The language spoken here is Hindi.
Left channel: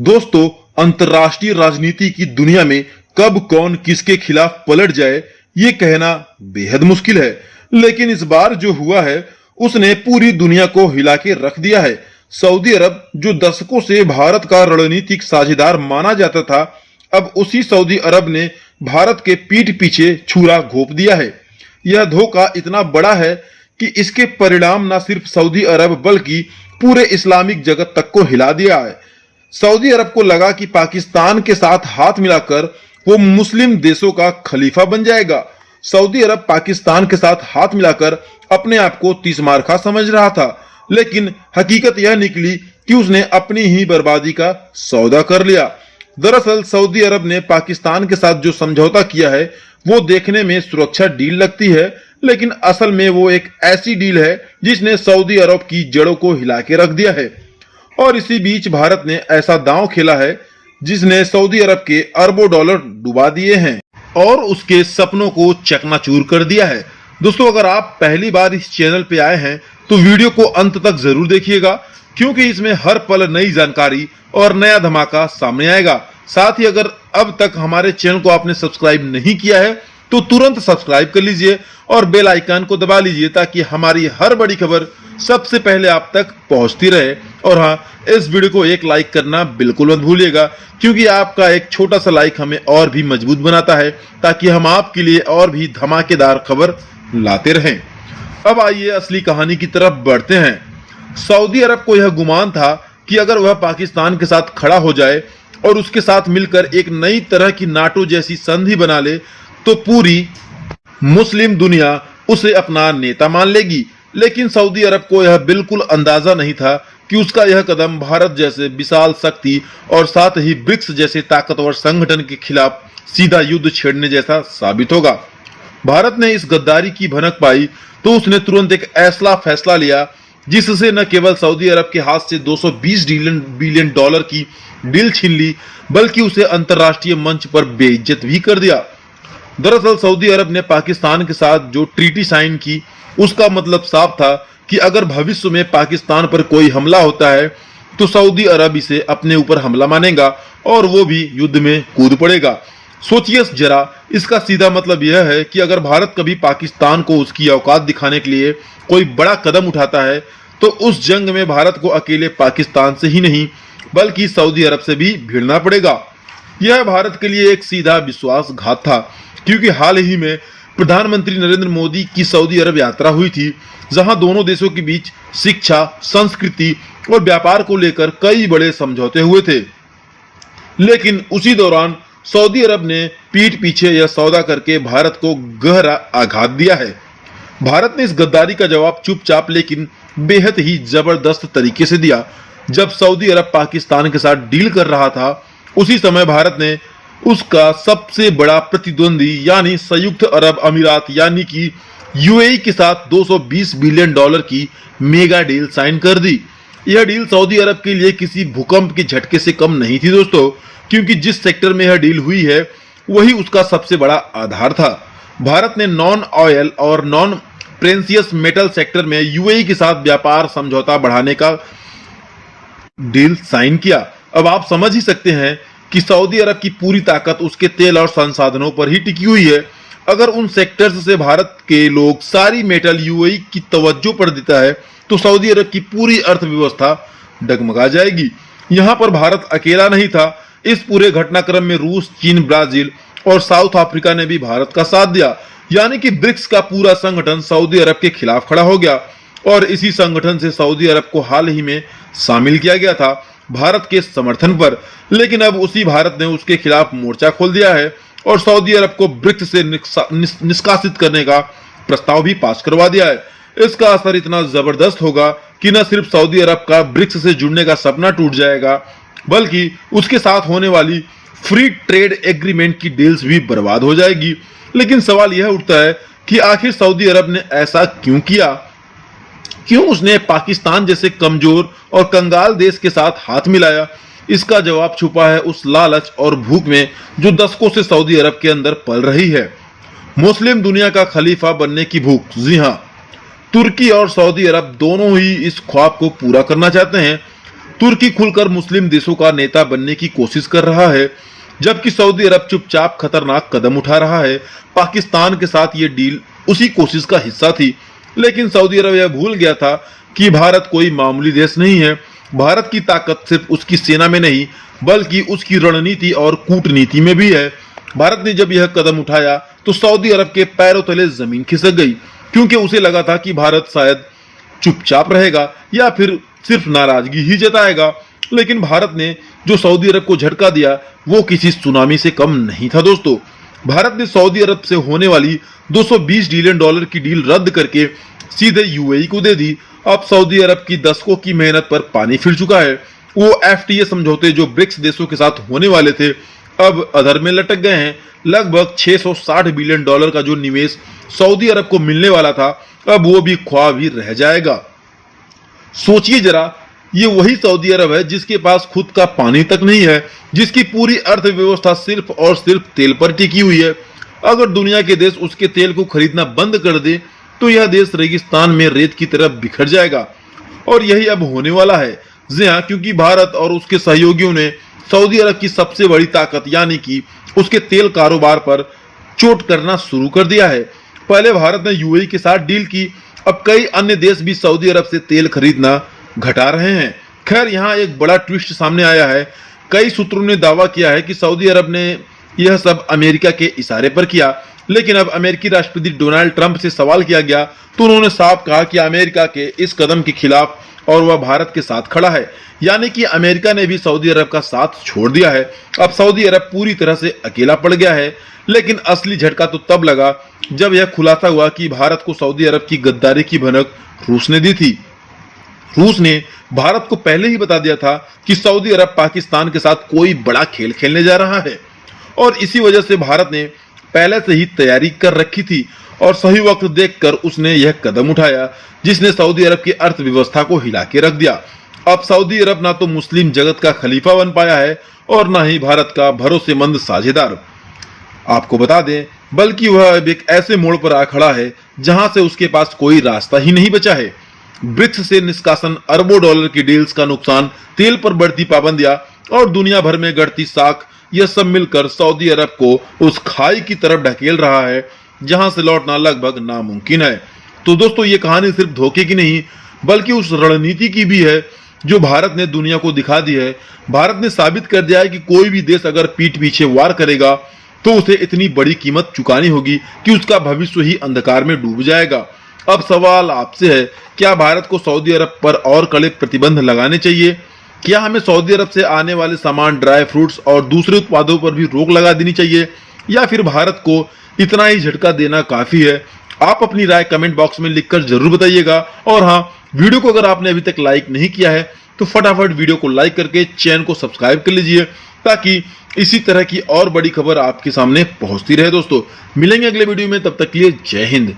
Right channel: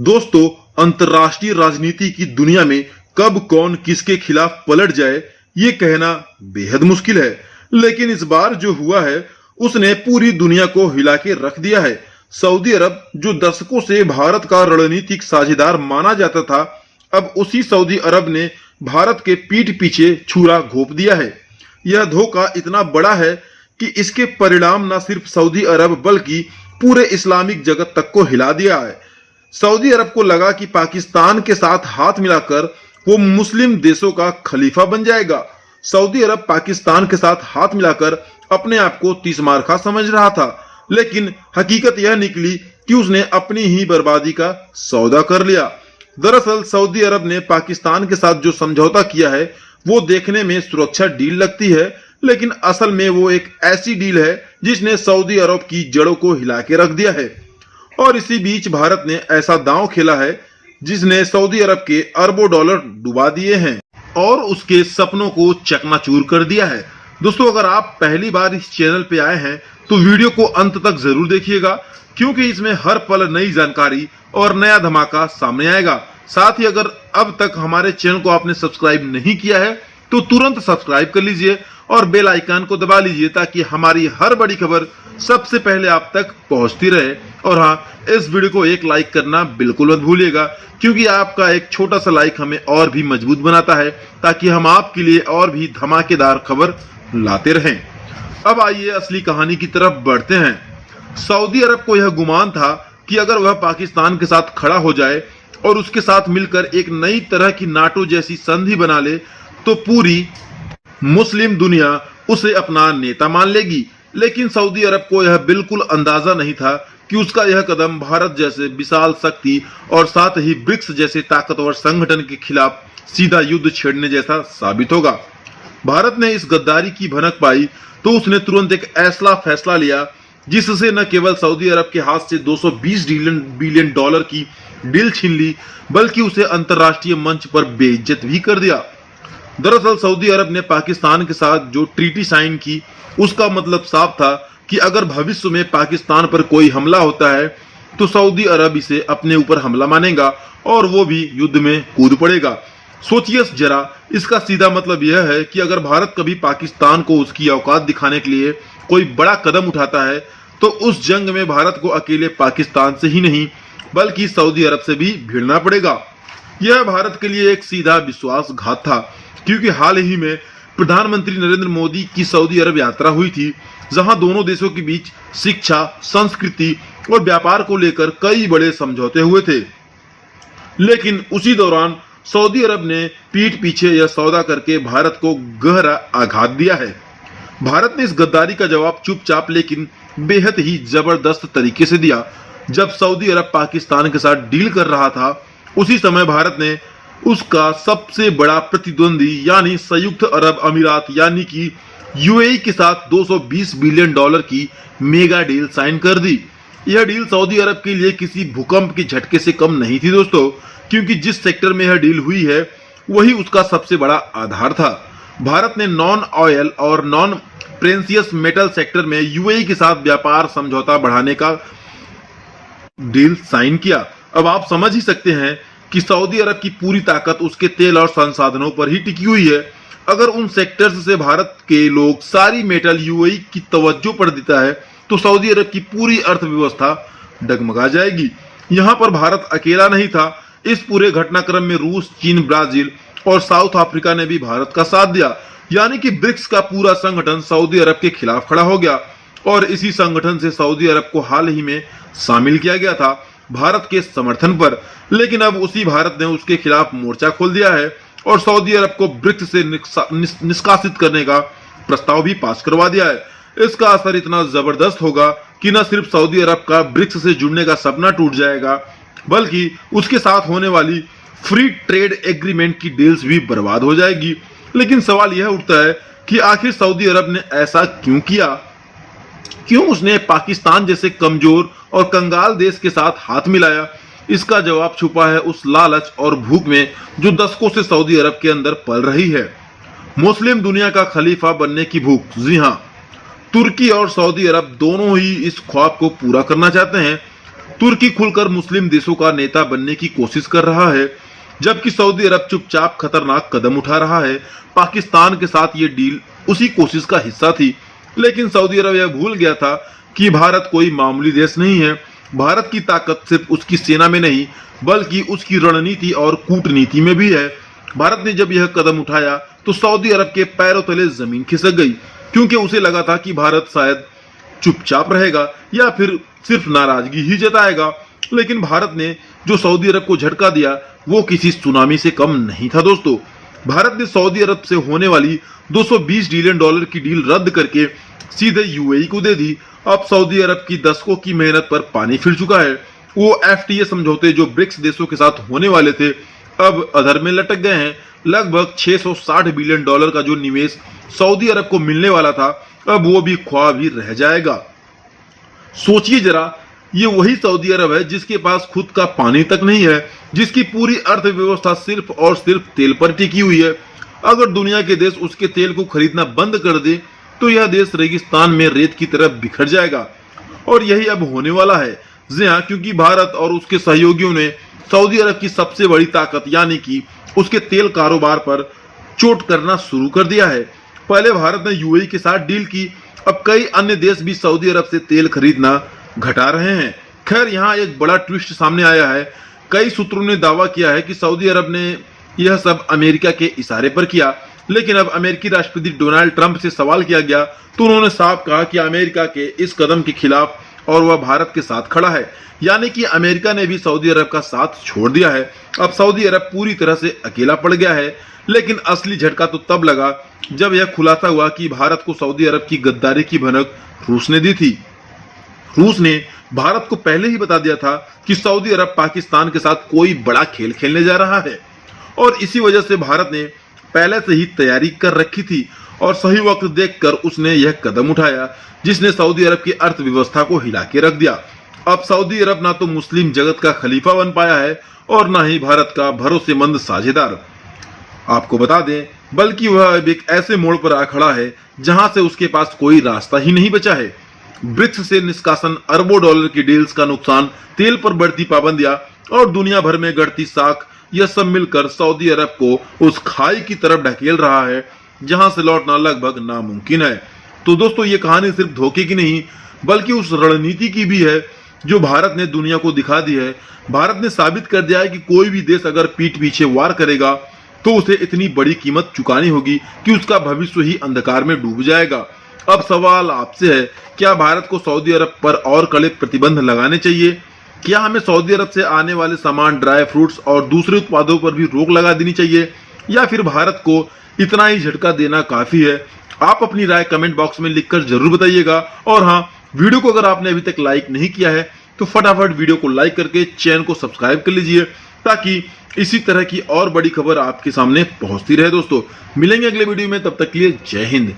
दोस्तों, अंतर्राष्ट्रीय राजनीति की दुनिया में कब कौन किसके खिलाफ पलट जाए ये कहना बेहद मुश्किल है। लेकिन इस बार जो हुआ है उसने पूरी दुनिया को हिला के रख दिया है। सऊदी अरब, जो दशकों से भारत का रणनीतिक साझेदार माना जाता था, अब उसी सऊदी अरब ने भारत के पीठ पीछे छुरा घोंप दिया है। यह धोखा इतना बड़ा है कि इसके परिणाम न सिर्फ सऊदी अरब बल्कि पूरे इस्लामिक जगत तक को हिला दिया है। सऊदी अरब को लगा कि पाकिस्तान के साथ हाथ मिलाकर वो मुस्लिम देशों का खलीफा बन जाएगा। सऊदी अरब पाकिस्तान के साथ हाथ मिलाकर अपने आप को तीसमारखा समझ रहा था, लेकिन हकीकत यह निकली कि उसने अपनी ही बर्बादी का सौदा कर लिया। दरअसल सऊदी अरब ने पाकिस्तान के साथ जो समझौता किया है वो देखने में सुरक्षा डील लगती है, लेकिन असल में वो एक ऐसी डील है जिसने सऊदी अरब की जड़ों को हिला के रख दिया है। और इसी बीच भारत ने ऐसा दांव खेला है जिसने सऊदी अरब के अरबों डॉलर डुबा दिए हैं और उसके सपनों को चकनाचूर कर दिया है। दोस्तों, अगर आप पहली बार इस चैनल पे आए हैं तो वीडियो को अंत तक जरूर देखिएगा, क्योंकि इसमें हर पल नई जानकारी और नया धमाका सामने आएगा। साथ ही अगर अब तक हमारे चैनल को आपने सब्सक्राइब नहीं किया है तो तुरंत सब्सक्राइब कर लीजिए और बेल आइकन को दबा लीजिए, ताकि हमारी हर बड़ी खबर सबसे पहले आप तक पहुंचती रहे। और हाँ, इस वीडियो को एक लाइक करना बिल्कुल मत भूलिएगा, क्योंकि आपका एक छोटा सा लाइक हमें और भी मजबूत बनाता है, ताकि हम आपके लिए और भी धमाकेदार खबर लाते रहें। अब आइए असली कहानी की तरफ बढ़ते हैं। सऊदी अरब को यह गुमान था कि अगर वह पाकिस्तान के साथ खड़ा हो जाए और उसके साथ मिलकर एक नई तरह की नाटो जैसी संधि बना ले तो पूरी मुस्लिम दुनिया उसे अपना नेता मान लेगी। लेकिन सऊदी अरब को यह बिल्कुल अंदाजा नहीं था कि उसका यह कदम भारत जैसे विशाल शक्ति और साथ ही ब्रिक्स जैसे ताकतवर संगठन के खिलाफ सीधा युद्ध छेड़ने जैसा साबित होगा। भारत ने इस गद्दारी की भनक पाई तो उसने तुरंत एक ऐसा फैसला लिया जिससे न केवल सऊदी अरब के हाथ से 220 बिलियन डॉलर की डील छीन ली, बल्कि उसे अंतर्राष्ट्रीय मंच पर बेइज्जत भी कर दिया। दरअसल सऊदी अरब ने पाकिस्तान के साथ जो ट्रीटी साइन की उसका मतलब साफ था कि अगर भविष्य में पाकिस्तान पर कोई हमला होता है तो सऊदी अरब इसे अपने ऊपर हमला मानेगा और वो भी युद्ध में कूद पड़ेगा। सोचिए जरा, इसका सीधा मतलब यह है कि अगर भारत कभी पाकिस्तान को उसकी औकात दिखाने के लिए कोई बड़ा कदम उठाता है तो उस जंग में भारत को अकेले पाकिस्तान से ही नहीं बल्कि सऊदी अरब से भी भिड़ना पड़ेगा। यह भारत के लिए एक सीधा विश्वासघात था, क्योंकि हाल ही में प्रधानमंत्री नरेंद्र मोदी की सऊदी अरब यात्रा हुई थी, जहां दोनों देशों के बीच शिक्षा, संस्कृति और व्यापार को लेकर कई बड़े समझौते हुए थे। लेकिन उसी दौरान सऊदी अरब ने पीठ पीछे यह सौदा करके भारत को गहरा आघात दिया है। भारत ने इस गद्दारी का जवाब चुपचाप लेकिन बेहद ही जबरदस्त तरीके से दिया। जब सऊदी अरब पाकिस्तान के साथ डील कर रहा था, उसी समय भारत ने उसका सबसे बड़ा प्रतिद्वंदी यानी संयुक्त अरब अमीरात यानी कि यूएई के साथ 220 बिलियन डॉलर की मेगा डील साइन कर दी। यह डील सऊदी अरब के लिए किसी भूकंप के झटके से कम नहीं थी दोस्तों, क्योंकि जिस सेक्टर में यह डील हुई है वही उसका सबसे बड़ा आधार था। भारत ने नॉन ऑयल और नॉन प्रेसियस मेटल सेक्टर में यूएई के साथ व्यापार समझौता बढ़ाने का डील साइन किया। अब आप समझ ही सकते हैं कि सऊदी अरब की पूरी ताकत उसके तेल और संसाधनों पर ही टिकी हुई है। अगर उन सेक्टर्स से भारत के लोग सारी मेटल यूएई की तवज्जो पर देता है तो सऊदी अरब की पूरी अर्थव्यवस्था डगमगा जाएगी। यहाँ पर भारत अकेला नहीं था। इस पूरे घटनाक्रम में रूस, चीन, ब्राजील और साउथ अफ्रीका ने भी भारत का साथ दिया, यानी कि ब्रिक्स का पूरा संगठन सऊदी अरब के खिलाफ खड़ा हो गया। और इसी संगठन से सऊदी अरब को हाल ही में शामिल किया गया था भारत के समर्थन पर। लेकिन अब उसी भारत ने उसके खिलाफ मोर्चा खोल दिया है और सऊदी अरब को ब्रिक्स से निष्कासित करने का प्रस्ताव भी पास करवा दिया है। इसका असर इतना जबरदस्त होगा कि न सिर्फ सऊदी अरब का ब्रिक्स से जुड़ने का सपना टूट जाएगा, बल्कि उसके साथ होने वाली फ्री ट्रेड एग्रीमेंट की डील्स भी बर्बाद हो जाएगी। लेकिन सवाल यह उठता है कि आखिर सऊदी अरब ने ऐसा क्यों किया? क्यों उसने पाकिस्तान जैसे कमजोर और कंगाल देश के साथ हाथ मिलाया? इसका जवाब छुपा है उस लालच और भूख में जो दशकों से सऊदी अरब के अंदर पल रही है। मुस्लिम दुनिया का खलीफा बनने की भूख। जी हाँ, तुर्की और सऊदी अरब दोनों ही इस ख्वाब को पूरा करना चाहते हैं। तुर्की खुलकर मुस्लिम देशों का नेता बनने की कोशिश कर रहा है, जबकि सऊदी अरब चुपचाप खतरनाक कदम उठा रहा है। पाकिस्तान के साथ ये डील उसी कोशिश का हिस्सा थी, लेकिन सऊदी अरब यह भूल गया था कि भारत कोई मामूली देश नहीं है। भारत की ताकत सिर्फ उसकी सेना में नहीं, बल्कि उसकी रणनीति और कूटनीति में भी है। भारत ने जब यह कदम उठाया तो सऊदी अरब के पैरों तले जमीन खिसक गई, क्योंकि उसे लगा था कि भारत शायद चुपचाप रहेगा या फिर सिर्फ नाराजगी ही जताएगा। लेकिन भारत ने जो सऊदी अरब को झटका दिया वो किसी सुनामी से कम नहीं था दोस्तों। भारत ने सऊदी अरब से होने वाली 220 बिलियन डॉलर की डील रद्द करके सीधे यूएई को दे दी। अब सऊदी अरब की दशकों की मेहनत पर पानी फिर चुका है। वो एफटीए समझौते जो ब्रिक्स देशों के साथ होने वाले थे अब अधर में लटक गए हैं। लगभग 660 बिलियन डॉलर का जो निवेश सऊदी अरब को मिलने वाला था अब वो भी ख्वाब ही रह जाएगा। सोचिए जरा, ये वही सऊदी अरब है जिसके पास खुद का पानी तक नहीं है, जिसकी पूरी अर्थव्यवस्था सिर्फ और सिर्फ तेल पर टिकी हुई है। अगर दुनिया के देश उसके तेल को खरीदना बंद कर दे तो यह देश रेगिस्तान में रेत की तरह बिखर जाएगा। और यही अब होने वाला है। जी हाँ, क्योंकि भारत और उसके सहयोगियों ने सऊदी अरब की सबसे बड़ी ताकत यानी कि उसके तेल कारोबार पर चोट करना शुरू कर दिया है। पहले भारत ने यूएई के साथ डील की, अब कई अन्य देश भी सऊदी अरब से तेल खरीदना घटा रहे हैं। खैर, यहाँ एक बड़ा ट्विस्ट सामने आया है। कई सूत्रों ने दावा किया है कि सऊदी अरब ने यह सब अमेरिका के इशारे पर किया, लेकिन अब अमेरिकी राष्ट्रपति डोनाल्ड ट्रंप से सवाल किया गया तो उन्होंने साफ कहा कि अमेरिका के इस कदम के खिलाफ और वह भारत के साथ खड़ा है। यानी कि अमेरिका ने भी सऊदी अरब का साथ छोड़ दिया है। अब सऊदी अरब पूरी तरह से अकेला पड़ गया है। लेकिन असली झटका तो तब लगा जब यह खुलासा हुआ कि भारत को सऊदी अरब की गद्दारी की भनक रूस ने दी थी। रूस ने भारत को पहले ही बता दिया था कि सऊदी अरब पाकिस्तान के साथ कोई बड़ा खेल खेलने जा रहा है, और इसी वजह से भारत ने पहले से ही तैयारी कर रखी थी और सही वक्त देखकर उसने यह कदम उठाया जिसने सऊदी अरब की अर्थव्यवस्था को हिला के रख दिया। अब सऊदी अरब ना तो मुस्लिम जगत का खलीफा बन पाया है और ना ही भारत का भरोसेमंद साझेदार, आपको बता दें, बल्कि वह अब एक ऐसे मोड़ पर आ खड़ा है जहां से उसके पास कोई रास्ता ही नहीं बचा है। ब्रिक्स से निष्कासन, अरबों डॉलर की डील्स का नुकसान, तेल पर बढ़ती पाबंदियां और दुनिया भर में बढ़ती साख, यह सब मिलकर सऊदी अरब को उस खाई की तरफ ढकेल रहा है जहां से लौटना लगभग नामुमकिन है। तो दोस्तों, ये कहानी सिर्फ धोखे की नहीं बल्कि उस रणनीति की भी है जो भारत ने दुनिया को दिखा दी है। भारत ने साबित कर दिया है कि कोई भी देश अगर पीठ पीछे वार करेगा तो उसे इतनी बड़ी कीमत चुकानी होगी कि उसका भविष्य ही अंधकार में डूब जाएगा। अब सवाल आपसे है, क्या भारत को सऊदी अरब पर और कड़े प्रतिबंध लगाने चाहिए? क्या हमें सऊदी अरब से आने वाले सामान, ड्राई फ्रूट्स और दूसरे उत्पादों पर भी रोक लगा देनी चाहिए, या फिर भारत को इतना ही झटका देना काफी है? आप अपनी राय कमेंट बॉक्स में लिखकर जरूर बताइएगा। और हाँ, वीडियो को अगर आपने अभी तक लाइक नहीं किया है तो फटाफट वीडियो को लाइक करके चैनल को सब्सक्राइब कर लीजिए, ताकि इसी तरह की और बड़ी खबर आपके सामने पहुंचती रहे। दोस्तों, मिलेंगे अगले वीडियो में, तब तक के लिए जय हिंद।